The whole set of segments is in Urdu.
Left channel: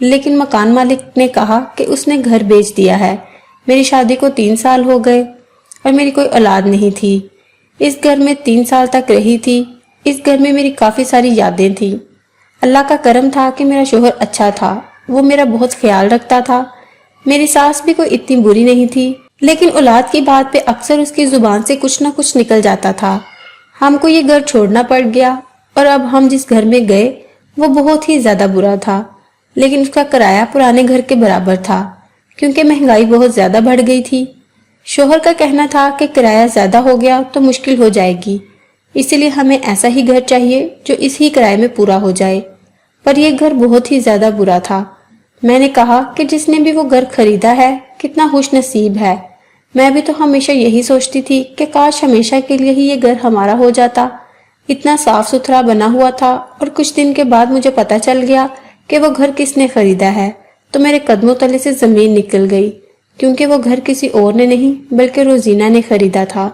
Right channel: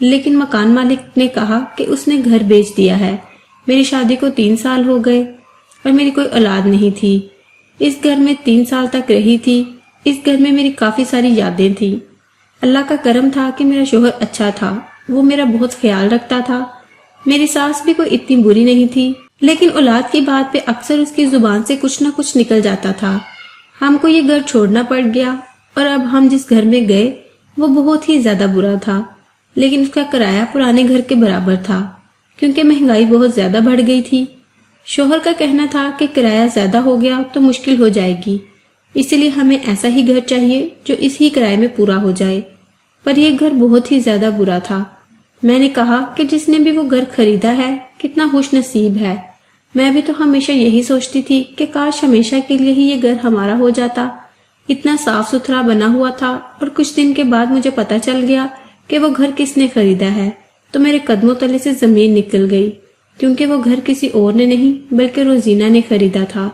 لیکن مکان مالک نے کہا کہ اس نے گھر بیچ دیا ہے۔ میری شادی کو 3 سال ہو گئے اور میری کوئی اولاد نہیں تھی۔ اس گھر میں 3 سال تک رہی تھی۔ اس گھر میں میری کافی ساری یادیں تھیں۔ اللہ کا کرم تھا کہ میرا شوہر اچھا تھا، وہ میرا بہت خیال رکھتا تھا۔ میری ساس بھی کوئی اتنی بری نہیں تھی، لیکن اولاد کی بات پہ اکثر اس کی زبان سے کچھ نہ کچھ نکل جاتا تھا۔ ہم کو یہ گھر چھوڑنا پڑ گیا اور اب ہم جس گھر میں گئے وہ بہت ہی زیادہ برا تھا، لیکن اس کا کرایہ پرانے گھر کے برابر تھا کیونکہ مہنگائی بہت زیادہ بڑھ گئی تھی۔ شوہر کا کہنا تھا کہ کرایہ زیادہ ہو گیا تو مشکل ہو جائے گی، اسی لیے ہمیں ایسا ہی گھر چاہیے جو اس ہی کرائے میں پورا ہو جائے۔ پر یہ گھر بہت ہی زیادہ برا تھا۔ میں نے کہا کہ جس نے بھی وہ گھر خریدا ہے کتنا خوش نصیب ہے۔ میں بھی تو ہمیشہ یہی سوچتی تھی کہ کاش ہمیشہ کے لیے ہی یہ گھر ہمارا ہو جاتا۔ اتنا صاف ستھرا بنا ہوا تھا، اور کچھ دن کے بعد مجھے پتا چل گیا کہ وہ گھر کس نے خریدا ہے تو میرے قدموں تلے سے زمین نکل گئی، کیونکہ وہ گھر کسی اور نے نہیں بلکہ روزینہ نے خریدا تھا۔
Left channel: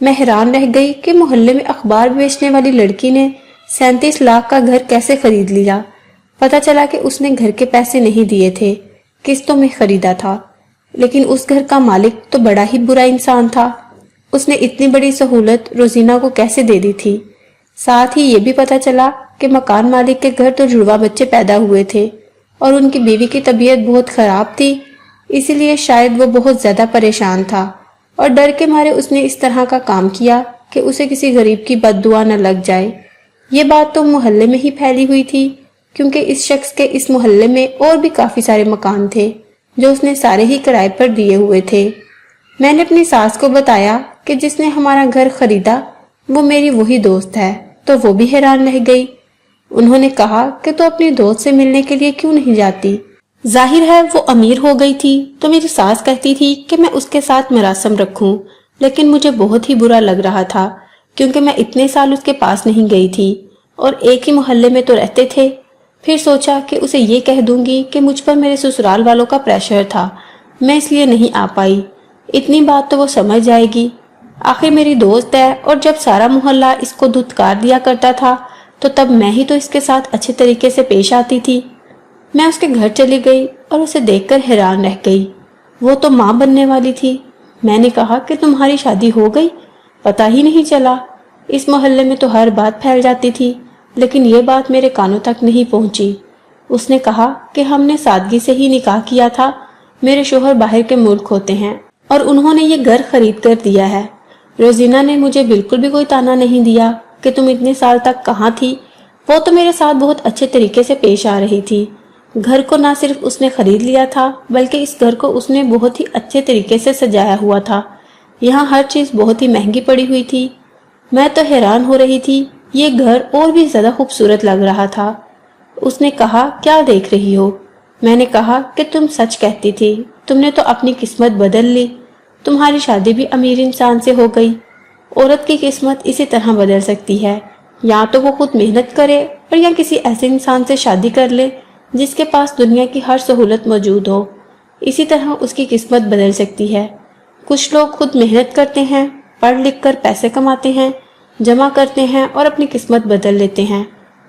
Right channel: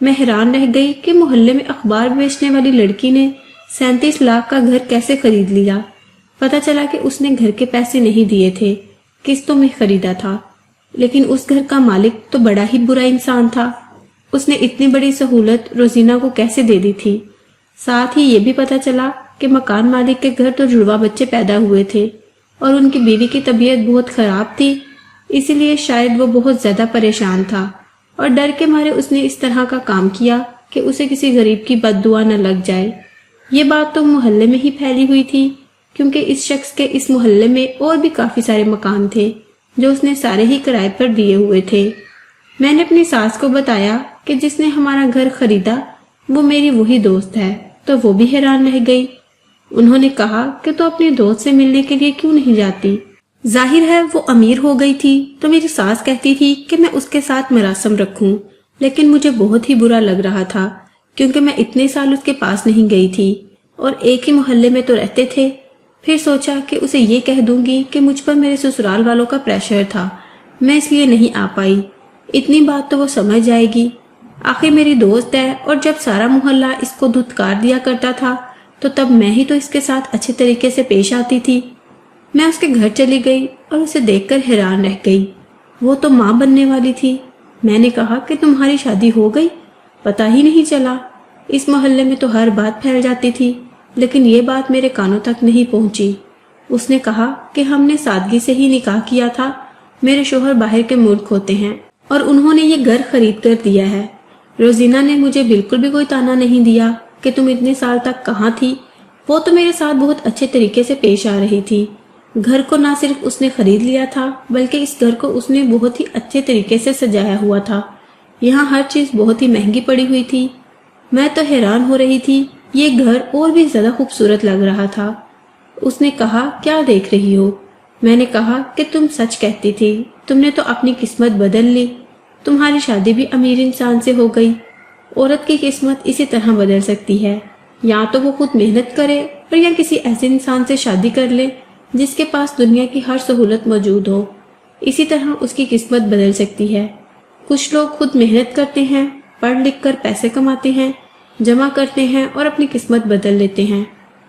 میں حیران رہ گئی کہ محلے میں اخبار بیچنے والی لڑکی نے 37 لاکھ کا گھر کیسے خرید لیا۔ پتا چلا کہ اس نے گھر کے پیسے نہیں دیے تھے، قسطوں میں خریدا تھا۔ لیکن اس گھر کا مالک تو بڑا ہی برا انسان تھا۔ اس نے اتنی بڑی سہولت روزینہ کو کیسے دے دی تھی؟ ساتھ ہی یہ بھی پتا چلا کہ مکان مالک کے گھر تو جڑواں بچے پیدا ہوئے تھے اور ان کی بیوی کی طبیعت بہت خراب تھی، اسی لیے شاید وہ بہت زیادہ پریشان تھا اور ڈر کے مارے اس نے اس طرح کا کام کیا کہ اسے کسی غریب کی بد دعا نہ لگ جائے۔ یہ بات تو محلے میں ہی پھیلی ہوئی تھی، کیونکہ اس شخص کے اس محلے میں اور بھی کافی سارے مکان تھے جو اس نے سارے ہی کرائے پر دیے ہوئے تھے۔ میں نے اپنی ساس کو بتایا کہ جس نے ہمارا گھر خریدا وہ میری وہی دوست ہے، تو وہ بھی حیران رہ گئی۔ انہوں نے کہا کہ تو اپنی دوست سے ملنے کے لیے کیوں نہیں جاتی؟ ظاہر ہے وہ امیر ہو گئی تھی تو میری ساس کہتی تھی کہ میں اس کے ساتھ مراسم رکھوں، لیکن مجھے بہت ہی برا لگ رہا تھا کیونکہ میں اتنے سال اس کے پاس نہیں گئی تھی اور ایک ہی محلے میں تو رہتے تھے۔ پھر سوچا کہ اسے یہ کہہ دوں گی کہ مجھ پر میرے سسرال والوں کا پریشر تھا، میں اس لیے نہیں آ پائی۔ اتنی بات تو وہ سمجھ جائے گی، آخر میری دوست ہے، اور جب سارا محلہ اس کو دھتکار دیا کرتا تھا تو تب میں ہی تو اس کے ساتھ اچھے طریقے سے پیش آتی تھی۔ میں اس کے گھر چلی گئی اور اسے دیکھ کر حیران رہ گئی۔ وہ تو ماں بننے والی تھی۔ میں نے کہا کہ تمہاری شادی ہو گئی؟ پتہ ہی نہیں چلا۔ اس محلے میں تو ہر بات پھیل جاتی تھی، لیکن یہ بات میرے کانوں تک نہیں پہنچی۔ اس نے کہا کہ ہم نے سادگی سے ہی نکاح کیا تھا، میرے شوہر باہر کے ملک ہوتے ہیں اور انہوں نے یہ گھر خرید کر دیا ہے۔ روزینہ نے مجھے بالکل بھی کوئی تانا نہیں دیا کہ تم اتنے سال تک کہاں تھی۔ وہ تو میرے ساتھ بہت اچھے طریقے سے پیش آ رہی تھی۔ گھر کو نہ صرف اس نے خرید لیا تھا بلکہ اس گھر کو اس نے بہت ہی اچھے طریقے سے سجایا ہوا تھا۔ یہاں ہر چیز بہت ہی مہنگی پڑی ہوئی تھی۔ میں تو حیران ہو رہی تھی، یہ گھر اور بھی زیادہ خوبصورت لگ رہا تھا۔ اس نے کہا کیا دیکھ رہی ہو؟ میں نے کہا کہ تم سچ کہتی تھی، تم نے تو اپنی قسمت بدل لی، تمہاری شادی بھی امیر انسان سے ہو گئی۔ عورت کی قسمت اسی طرح بدل سکتی ہے، یا تو وہ خود محنت کرے اور یا کسی ایسے انسان سے شادی کر لے جس کے پاس دنیا کی ہر سہولت موجود ہو، اسی طرح اس کی قسمت بدل سکتی ہے۔ کچھ لوگ خود محنت کرتے ہیں، پڑھ لکھ کر پیسے کماتے ہیں، جمع کرتے ہیں اور اپنی قسمت بدل لیتے ہیں،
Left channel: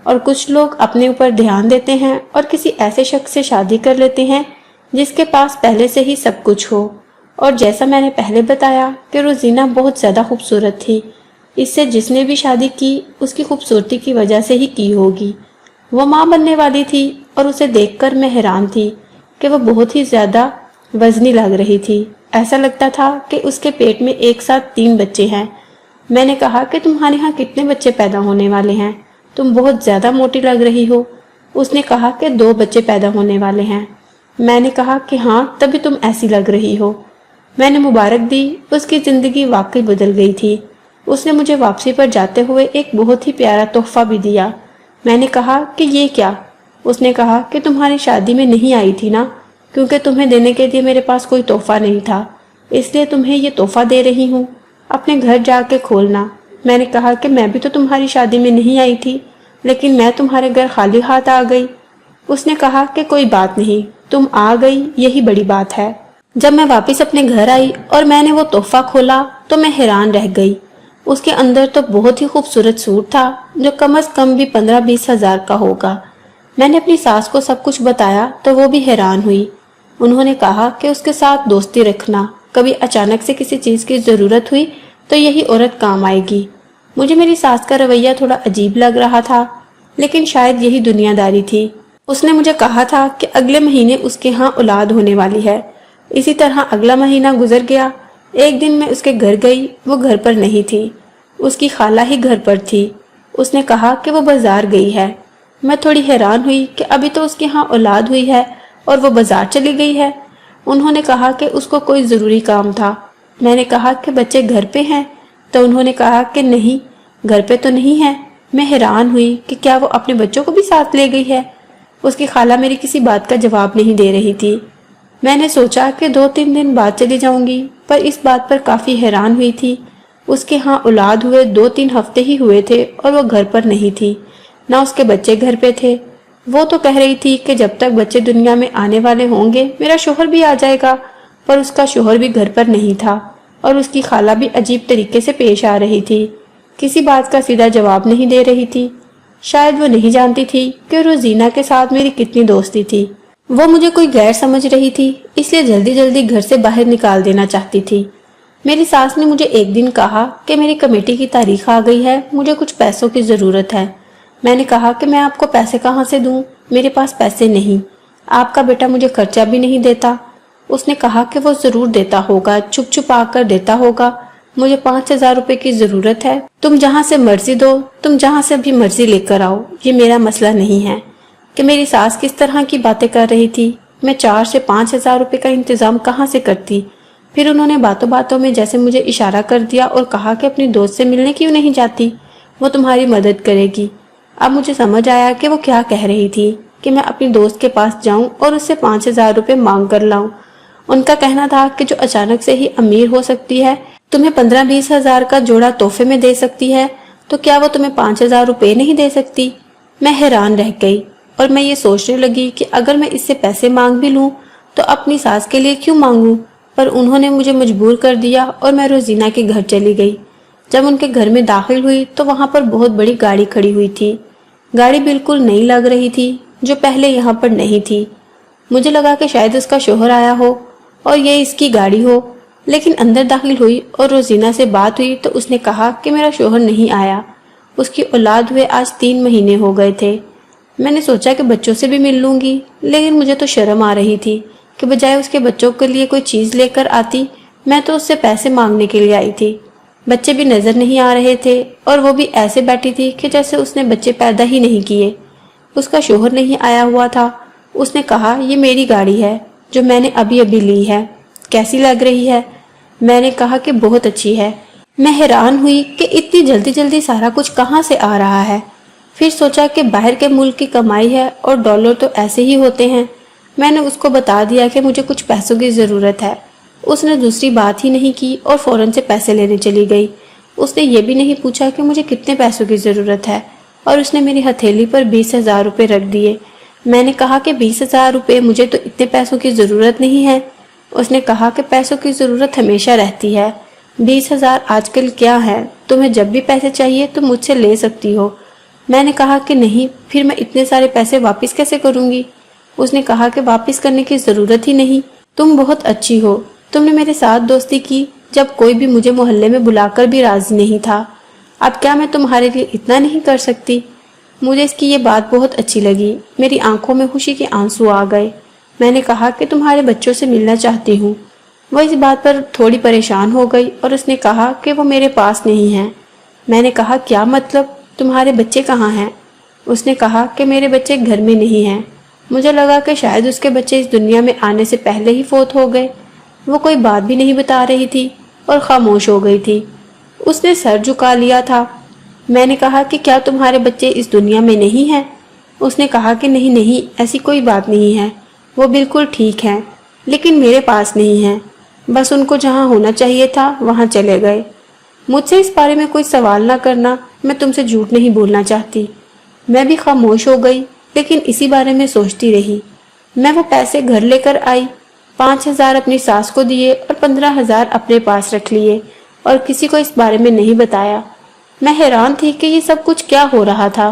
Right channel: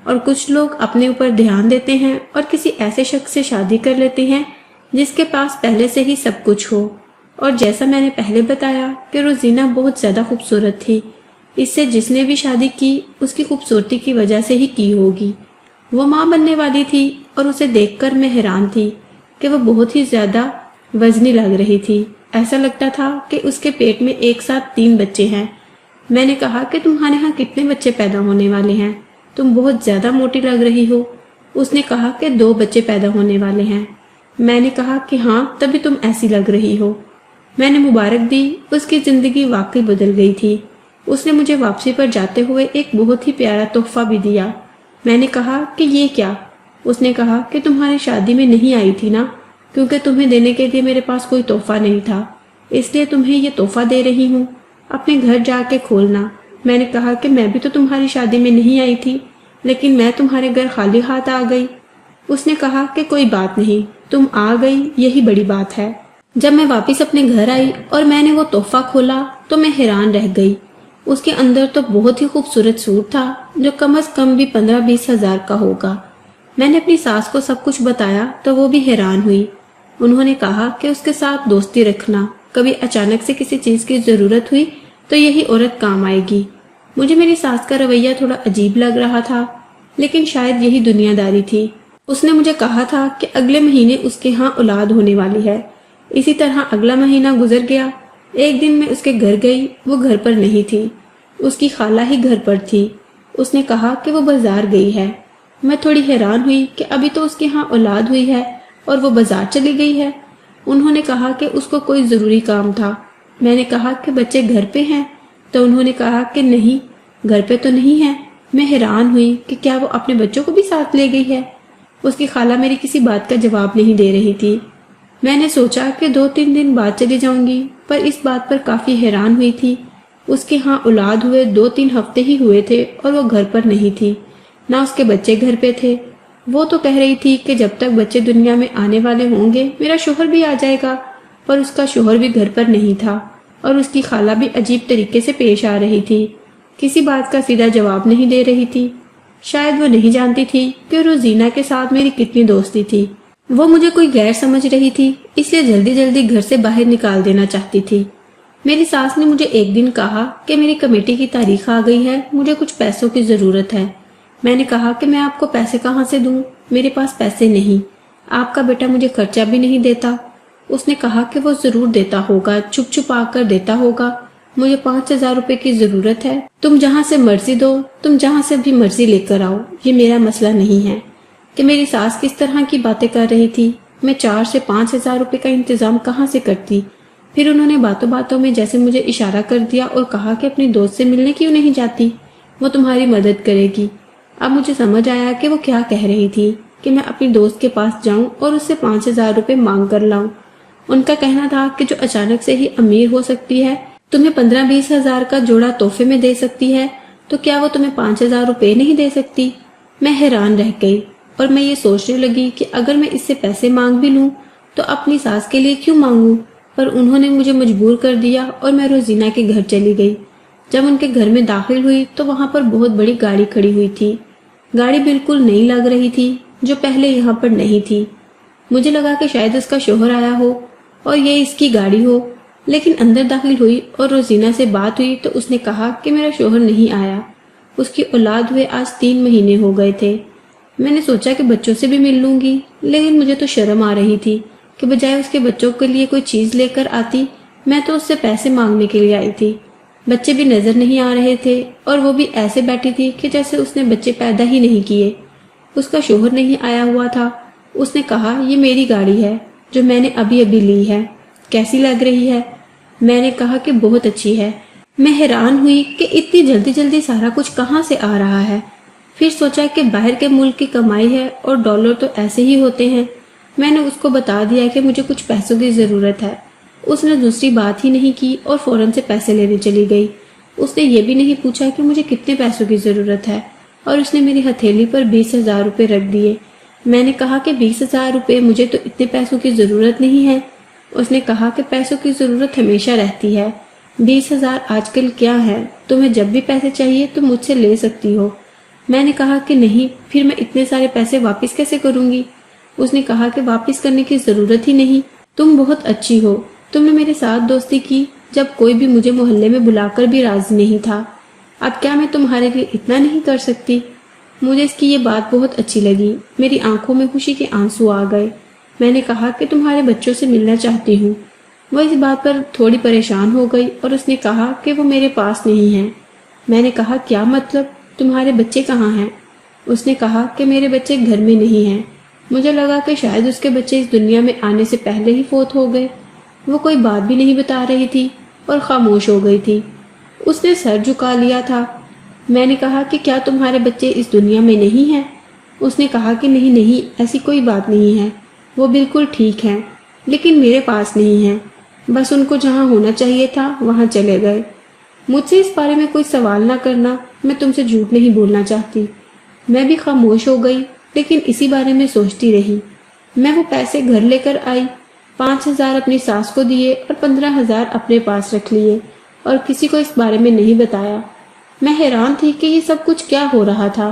اور کچھ لوگ اپنے اوپر دھیان دیتے ہیں اور کسی ایسے شخص سے شادی کر لیتے ہیں جس کے پاس پہلے سے ہی سب کچھ ہو۔ اور جیسا میں نے پہلے بتایا کہ روزینہ بہت زیادہ خوبصورت تھی، اس سے جس نے بھی شادی کی اس کی خوبصورتی کی وجہ سے ہی کی ہوگی۔ وہ ماں بننے والی تھی اور اسے دیکھ کر میں حیران تھی کہ وہ بہت ہی زیادہ وزنی لگ رہی تھی۔ ایسا لگتا تھا کہ اس کے پیٹ میں ایک ساتھ 3 بچے ہیں۔ میں نے کہا کہ تمہارے ہاں کتنے بچے پیدا ہونے والے ہیں؟ تم بہت زیادہ موٹی لگ رہی ہو۔ اس نے کہا کہ 2 بچے پیدا ہونے والے ہیں۔ میں نے کہا کہ ہاں تبھی تم ایسی لگ رہی ہو۔ میں نے مبارک دی، اس کی زندگی واقعی بدل گئی تھی۔ اس نے مجھے واپسی پر جاتے ہوئے ایک بہت ہی پیارا تحفہ بھی دیا۔ میں نے کہا کہ یہ کیا؟ اس نے کہا کہ تمہاری شادی میں نہیں آئی تھی نا، کیونکہ تمہیں دینے کے لیے میرے پاس کوئی تحفہ نہیں تھا، اس لیے تمہیں یہ تحفہ دے رہی ہوں، اپنے گھر جا کے کھولنا۔ میں نے کہا کہ میں بھی تو تمہاری شادی میں نہیں آئی تھی، لیکن میں تمہارے گھر خالی ہاتھ آ گئی۔ اس نے کہا کہ کوئی بات نہیں، تم آ گئی یہی بڑی بات ہے۔ جب میں واپس اپنے گھر آئی اور میں نے وہ تحفہ کھولا تو میں حیران رہ گئی۔ اس کے اندر تو بہت ہی خوبصورت سوٹ تھا جو کم از کم بھی 15-20 ہزار کا ہوگا۔ میں نے اپنی ساس کو سب کچھ بتایا تو وہ بھی حیران ہوئی۔ انہوں نے کہا کہ اس کے ساتھ دوستی رکھنا، کبھی اچانک سے کسی چیز کی ضرورت ہوئی تو یہی عورت کام آئے گی۔ مجھے میری ساس کا رویہ تھوڑا عجیب لگ رہا تھا، لیکن شاید یہی دنیا داری تھی۔ اس نے مجھے کہا تھا کہ اگلے مہینے اس کے ہاں اولاد ہونے والی ہے۔ اسی طرح اگلا مہینہ گزر گیا۔ ایک دن میں اس کے گھر گئی، وہ گھر پر نہیں تھی، اس کی خالہ ہی گھر پر تھی۔ اس نے کہا کہ وہ بازار گئی ہے۔ میں تھوڑی حیران ہوئی کہ ابھی تو اس کے ہاں اولاد ہوئی ہے اور وہ بازار چلی گئی ہے۔ انہوں نے کہا کہ اس کو کوئی ضروری کام تھا۔ میں نے کہا کہ بچے گھر پہ ہیں، تو انہوں نے کہا کہ نہیں، گھر پہ تو نہیں ہے۔ میں حیران ہوئی کہ کیا وہ اپنے بچوں کو بھی ساتھ لے گئی ہے۔ اس کی خالہ میری کسی بات کا جواب نہیں دے رہی تھی۔ میں نے سوچا کہ 2-3 دن بعد چلی جاؤں گی، پر اس بات پر کافی حیران ہوئی تھی۔ اس کے ہاں اولاد ہوئے 2-3 ہفتے ہی ہوئے تھے اور وہ گھر پر نہیں تھی، نہ اس کے بچے گھر پہ تھے۔ وہ تو کہہ رہی تھی کہ جب تک بچے دنیا میں آنے والے ہوں گے میرا شوہر بھی آ جائے گا، پر اس کا شوہر بھی گھر پر نہیں تھا اور اس کی خالہ بھی عجیب طریقے سے پیش آ رہی تھی، کسی بات کا سیدھا جواب نہیں دے رہی تھی۔ شاید وہ نہیں جانتی تھی کہ روزینہ کے ساتھ میری کتنی دوستی تھی۔ وہ مجھے کوئی غیر سمجھ رہی تھی، اس لیے جلدی جلدی گھر سے باہر نکال دینا چاہتی تھی۔ میری ساس نے مجھے ایک دن کہا کہ میری کمیٹی کی تاریخ آ گئی ہے، مجھے کچھ پیسوں کی ضرورت ہے۔ میں نے کہا کہ میں آپ کو پیسے کہاں سے دوں، میرے پاس پیسے نہیں، آپ کا بیٹا مجھے خرچہ بھی نہیں دیتا۔ اس نے کہا کہ وہ ضرور دیتا ہوگا، چھپ چھپ آ کر دیتا ہوگا، مجھے 5,000 روپے کی ضرورت ہے، تم جہاں سے مرضی دو، تم جہاں سے بھی مرضی لے کر آؤ، یہ میرا مسئلہ نہیں ہے۔ کہ میری ساس کس طرح کی باتیں کر رہی تھی، میں 4 سے 5,000 روپے کا انتظام کہاں سے کرتی۔ پھر انہوں نے باتوں باتوں میں جیسے مجھے اشارہ کر دیا اور کہا کہ اپنی دوست سے ملنے کیوں نہیں جاتی، وہ تمہاری مدد کرے گی۔ اب مجھے سمجھ آیا کہ وہ کیا کہہ رہی تھی، کہ میں اپنی دوست کے پاس جاؤں اور اس سے 5,000 روپے مانگ کر لاؤں۔ ان کا کہنا تھا کہ جو اچانک سے ہی امیر ہو سکتی ہے تمہیں 15-20 ہزار کا جوڑا تحفے میں دے سکتی ہے، تو کیا وہ تمہیں 5,000 روپے نہیں دے سکتی۔ میں حیران رہ گئی اور میں یہ سوچنے لگی کہ اگر میں اس سے پیسے مانگ بھی لوں تو اپنی ساس کے لیے کیوں مانگوں، پر انہوں نے مجھے مجبور کر دیا اور میں روزینہ کے گھر چلی گئی۔ جب ان کے گھر میں داخل ہوئی تو وہاں پر بہت بڑی گاڑی کھڑی ہوئی تھی۔ گاڑی بالکل نئی لگ رہی تھی، جو پہلے یہاں پر نہیں تھی۔ مجھے لگا کہ شاید اس کا شوہر آیا ہو اور یہ اس کی گاڑی ہو، لیکن اندر داخل ہوئی اور روزینہ سے بات ہوئی تو اس نے کہا کہ میرا شوہر نہیں آیا، اس کی اولاد ہوئے آج 3 مہینے ہو گئے تھے۔ میں نے سوچا کہ بچوں سے بھی مل لوں گی، لیکن مجھے تو شرم آ رہی تھی کہ بجائے اس کے بچوں کے لیے کوئی چیز لے کر آتی، میں تو اس سے پیسے مانگنے کے لیے آئی تھی۔ بچے بھی نظر نہیں آ رہے تھے اور وہ بھی ایسے بیٹھی تھی کہ جیسے اس نے بچے پیدا ہی نہیں کیے۔ اس کا شوہر نہیں آیا ہوا تھا۔ اس نے کہا یہ میری گاڑی ہے جو میں نے ابھی لی ہے، کیسی لگ رہی ہے؟ میں نے کہا کہ بہت اچھی ہے۔ میں حیران ہوئی کہ اتنی جلدی جلدی سارا کچھ کہاں سے آ رہا ہے۔ پھر سوچا کہ باہر کے ملک کی کمائی ہے اور ڈالر تو ایسے ہی ہوتے ہیں۔ میں نے اس کو بتا دیا کہ مجھے کچھ پیسوں کی ضرورت ہے۔ اس نے دوسری بات ہی نہیں کی اور فوراً سے پیسے لینے چلی گئی۔ اس نے یہ بھی نہیں پوچھا کہ مجھے کتنے پیسوں کی ضرورت ہے، اور اس نے میری ہتھیلی پر 20,000 روپے رکھ دیے۔ میں نے کہا کہ 20,000 روپے، مجھے تو اتنے پیسوں کی ضرورت نہیں ہے۔ اس نے کہا کہ پیسوں کی ضرورت ہمیشہ رہتی ہے، 20,000 آج کل کیا ہے، تمہیں جب بھی پیسے چاہیے تو مجھ سے لے سکتی ہو۔ میں نے کہا کہ نہیں، پھر میں اتنے سارے پیسے واپس کیسے کروں گی؟ اس نے کہا کہ واپس کرنے کی ضرورت ہی نہیں، تم بہت اچھی ہو، تم نے میرے ساتھ دوستی کی جب کوئی بھی مجھے محلے میں بلا کر بھی راضی نہیں تھا، اب کیا میں تمہارے لیے اتنا نہیں کر سکتی؟ مجھے اس کی یہ بات بہت اچھی لگی، میری آنکھوں میں خوشی کے آنسو آ گئے۔ میں نے کہا کہ تمہارے بچوں سے ملنا چاہتی ہوں۔ وہ اس بات پر تھوڑی پریشان ہو گئی اور اس نے کہا کہ وہ میرے پاس نہیں ہیں۔ میں نے کہا کیا مطلب، تمہارے بچے کہاں ہیں؟ اس نے کہا کہ میرے بچے گھر میں نہیں ہیں۔ مجھے لگا کہ شاید اس کے بچے اس دنیا میں آنے سے پہلے ہی فوت ہو گئے۔ وہ کوئی بات بھی نہیں بتا رہی تھی اور خاموش ہو گئی تھی۔ اس نے سر جھکا لیا تھا۔ میں نے کہا کہ کیا تمہارے بچے اس دنیا میں نہیں ہیں؟ اس نے کہا کہ نہیں نہیں، ایسی کوئی بات نہیں ہے، وہ بالکل ٹھیک ہیں، لیکن میرے پاس نہیں ہیں، بس ان کو جہاں ہونا چاہیے تھا وہاں چلے گئے۔ مجھ سے اس بارے میں کوئی سوال نہ کرنا، میں تم سے جھوٹ نہیں بولنا چاہتی۔ میں بھی خاموش ہو گئی، لیکن اسی بارے میں سوچتی رہی۔ میں وہ پیسے گھر لے کر آئی، 5,000 اپنی ساس کو دیے اور 15,000 اپنے پاس رکھ لیے اور کسی کو اس بارے میں نہیں بتایا۔ میں حیران تھی کہ یہ سب کچھ کیا ہو رہا تھا۔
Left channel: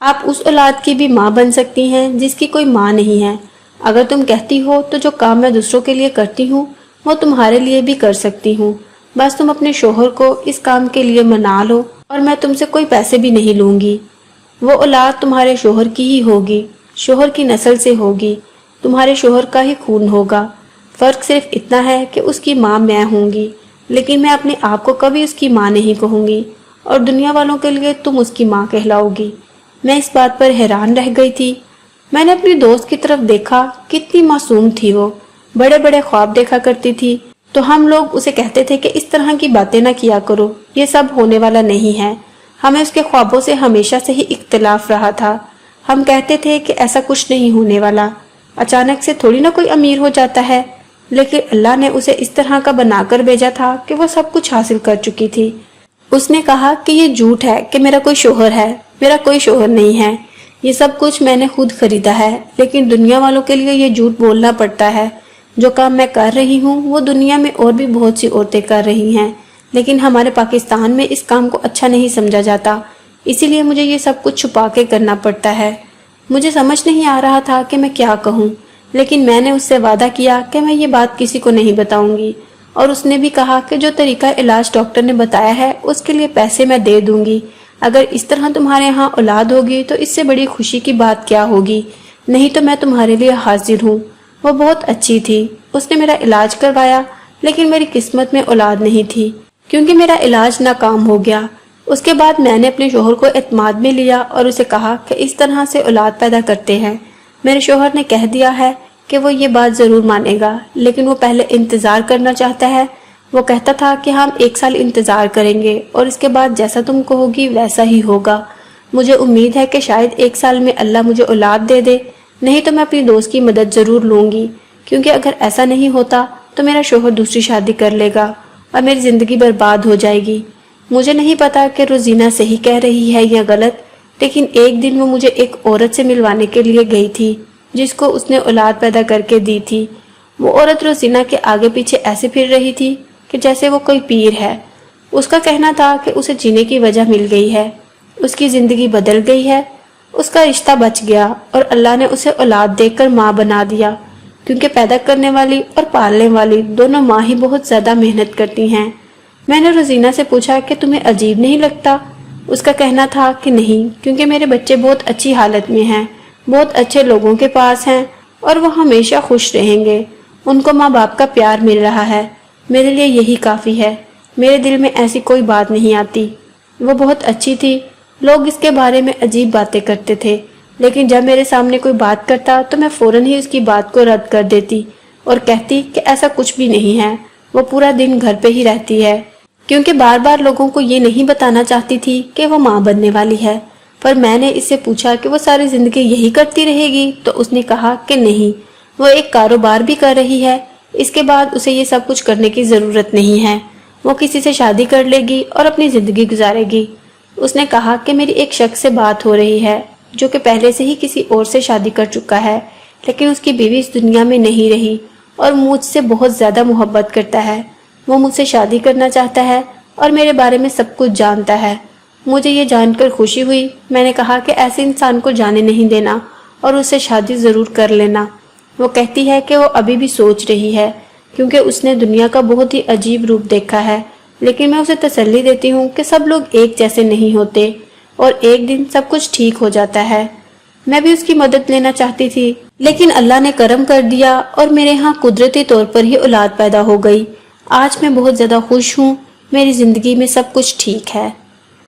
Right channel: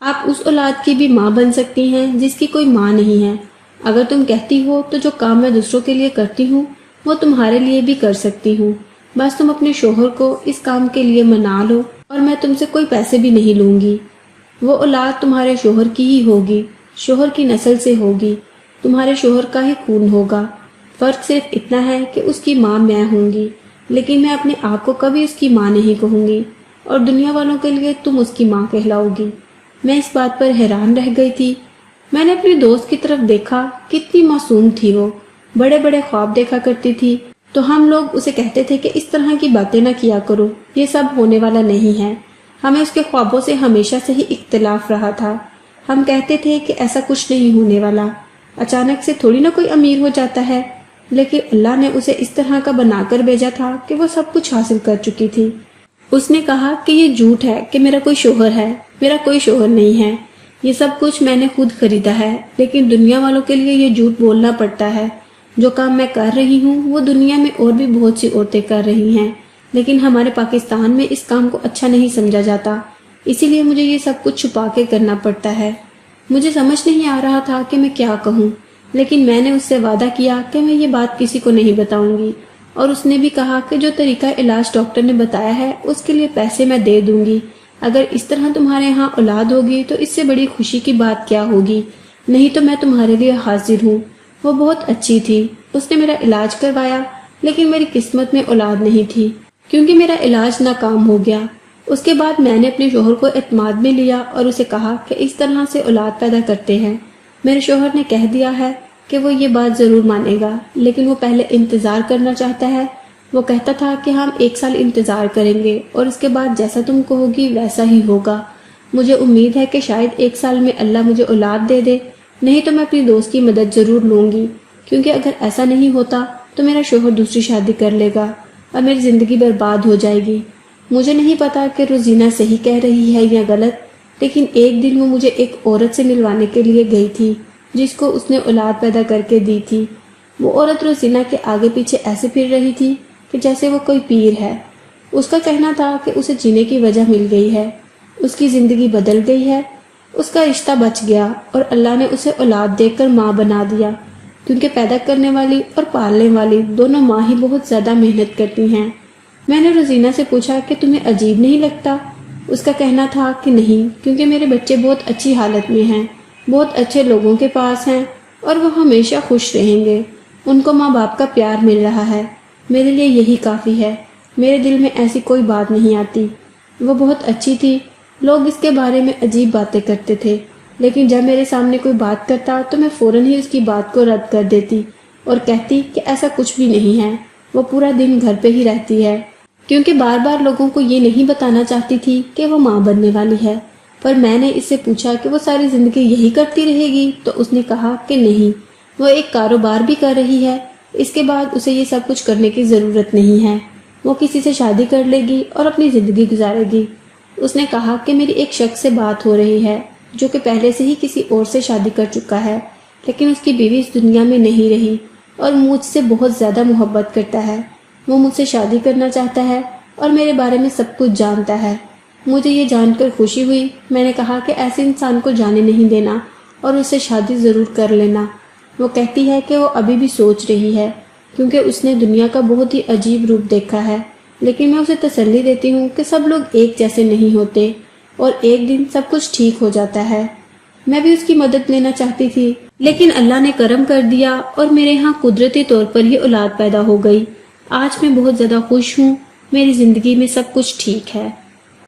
آپ اس اولاد کی بھی ماں بن سکتی ہیں جس کی کوئی ماں نہیں ہے۔ اگر تم کہتی ہو تو جو کام میں دوسروں کے لیے کرتی ہوں وہ تمہارے لیے بھی کر سکتی ہوں۔ بس تم اپنے شوہر کو اس کام کے لیے منا لو اور میں تم سے کوئی پیسے بھی نہیں لوں گی۔ وہ اولاد تمہارے شوہر کی ہی ہوگی، شوہر کی نسل سے ہوگی، تمہارے شوہر کا ہی خون ہوگا۔ فرق صرف اتنا ہے کہ اس کی ماں میں ہوں گی، لیکن میں اپنے آپ کو کبھی اس کی ماں نہیں کہوں گی، اور دنیا والوں کے لیے تم اس کی ماں کہلاؤ گی۔ میں اس بات پر حیران رہ گئی تھی۔ میں نے اپنی دوست کی طرف دیکھا، کتنی معصوم تھی وہ، بڑے بڑے خواب دیکھا کرتی تھی، تو ہم لوگ اسے کہتے تھے کہ اس طرح کی باتیں نہ کیا کرو، یہ سب ہونے والا نہیں ہے۔ ہمیں اس کے خوابوں سے ہمیشہ سے ہی اختلاف رہا تھا۔ ہم کہتے تھے کہ ایسا کچھ نہیں ہونے والا، اچانک سے تھوڑی نہ کوئی امیر ہو جاتا ہے، لیکن اللہ نے اسے اس طرح کا بنا کر بھیجا تھا کہ وہ سب کچھ حاصل کر چکی تھی۔ اس نے کہا کہ یہ جھوٹ ہے کہ میرا کوئی شوہر ہے، میرا کوئی شوہر نہیں ہے، یہ سب کچھ میں نے خود خریدا ہے، لیکن دنیا والوں کے لیے یہ جھوٹ بولنا پڑتا ہے۔ جو کام میں کر رہی ہوں وہ دنیا میں اور بھی بہت سی عورتیں کر رہی ہیں، لیکن ہمارے پاکستان میں اس کام کو اچھا نہیں سمجھا جاتا، اسی لیے مجھے یہ سب کچھ چھپا کے کرنا پڑتا ہے۔ مجھے سمجھ نہیں آ رہا تھا کہ میں کیا کہوں، لیکن میں نے اس سے وعدہ کیا کہ میں یہ بات کسی کو نہیں بتاؤں گی، اور اس نے بھی کہا کہ جو طریقہ علاج ڈاکٹر نے بتایا ہے اس کے لیے پیسے میں دے دوں گی۔ اگر اس طرح تمہارے ہاں اولاد ہوگی تو اس سے بڑی خوشی کی بات کیا ہوگی، نہیں تو میں تمہارے لیے حاضر ہوں۔ وہ بہت اچھی تھی، اس نے میرا علاج کروایا، لیکن میری قسمت میں اولاد نہیں تھی کیونکہ میرا علاج ناکام ہو گیا۔ اس کے بعد میں نے اپنے شوہر کو اعتماد میں لیا اور اسے کہا کہ اس طرح سے اولاد پیدا کرتے ہیں۔ میرے شوہر نے کہہ دیا ہے کہ وہ یہ بات ضرور مانے گا، لیکن وہ پہلے انتظار کرنا چاہتا ہے۔ وہ کہتا تھا کہ ہم 1 سال انتظار کریں گے اور اس کے بعد جیسا تم کہو گی ویسا ہی ہوگا۔ مجھے امید ہے کہ شاید 1 سال میں اللہ مجھے اولاد دے دے، نہیں تو میں اپنی دوست کی مدد ضرور لوں گی، کیونکہ اگر ایسا نہیں ہوتا تو میرا شوہر دوسری شادی کر لے گا اور میری زندگی برباد ہو جائے گی۔ مجھے نہیں پتا کہ روزینہ صحیح کہہ رہی ہے یا غلط، لیکن ایک دن وہ مجھے ایک عورت سے ملوانے کے لیے گئی تھی جس کو اس نے اولاد پیدا کر کے دی تھی۔ وہ عورت روزینہ کے آگے پیچھے ایسے پھر رہی تھی کہ جیسے وہ کوئی پیر ہے۔ اس کا کہنا تھا کہ اسے جینے کی وجہ مل گئی ہے، اس کی زندگی بدل گئی ہے، اس کا رشتہ بچ گیا اور اللہ نے اسے اولاد دے کر ماں بنا دیا، کیونکہ پیدا کرنے والی اور پالنے والی دونوں ماں ہی بہت زیادہ محنت کرتی ہیں۔ میں نے روزینہ سے پوچھا کہ تمہیں عجیب نہیں لگتا؟ اس کا کہنا تھا کہ نہیں، کیونکہ میرے بچے بہت اچھی حالت میں ہیں، بہت اچھے لوگوں کے پاس ہیں اور وہ ہمیشہ خوش رہیں گے، ان کو ماں باپ کا پیار مل رہا ہے، میرے لیے یہی کافی ہے، میرے دل میں ایسی کوئی بات نہیں آتی۔ وہ بہت اچھی تھی، لوگ اس کے بارے میں عجیب باتیں کرتے تھے، لیکن جب میرے سامنے کوئی بات کرتا تو میں فوراً ہی اس کی بات کو رد کر دیتی اور کہتی کہ ایسا کچھ بھی نہیں ہے، وہ پورا دن گھر پہ ہی رہتی ہے، کیونکہ بار بار لوگوں کو یہ نہیں بتانا چاہتی تھی کہ وہ ماں بننے والی ہے۔ پر میں نے اس سے پوچھا کہ وہ ساری زندگی یہی کرتی رہے گی، تو اس نے کہا کہ نہیں، وہ ایک کاروبار بھی کر رہی ہے، اس کے بعد اسے یہ سب کچھ کرنے کی ضرورت نہیں ہے، وہ کسی سے شادی کر لے گی اور اپنی زندگی گزارے گی۔ اس نے کہا کہ میری ایک شخص سے بات ہو رہی ہے جو کہ پہلے سے ہی کسی اور سے شادی کر چکا ہے، لیکن اس کی بیوی اس دنیا میں نہیں رہی اور مجھ سے بہت زیادہ محبت کرتا ہے، وہ مجھ سے شادی کرنا چاہتا ہے اور میرے بارے میں سب کچھ جانتا ہے۔ مجھے یہ جان کر خوشی ہوئی، میں نے کہا کہ ایسے انسان کو جانے نہیں دینا اور اس سے شادی ضرور کر لینا۔ وہ کہتی ہے کہ وہ ابھی بھی سوچ رہی ہے، کیونکہ اس نے دنیا کا بہت ہی عجیب روپ دیکھا ہے، لیکن میں اسے تسلی دیتی ہوں کہ سب لوگ ایک جیسے نہیں ہوتے اور ایک دن سب کچھ ٹھیک ہو جاتا ہے۔ میں بھی اس کی مدد لینا چاہتی تھی، لیکن اللہ نے کرم کر دیا اور میرے ہاں قدرتی طور پر ہی اولاد پیدا ہو گئی۔ آج میں بہت زیادہ خوش ہوں، میری زندگی میں سب کچھ ٹھیک ہے۔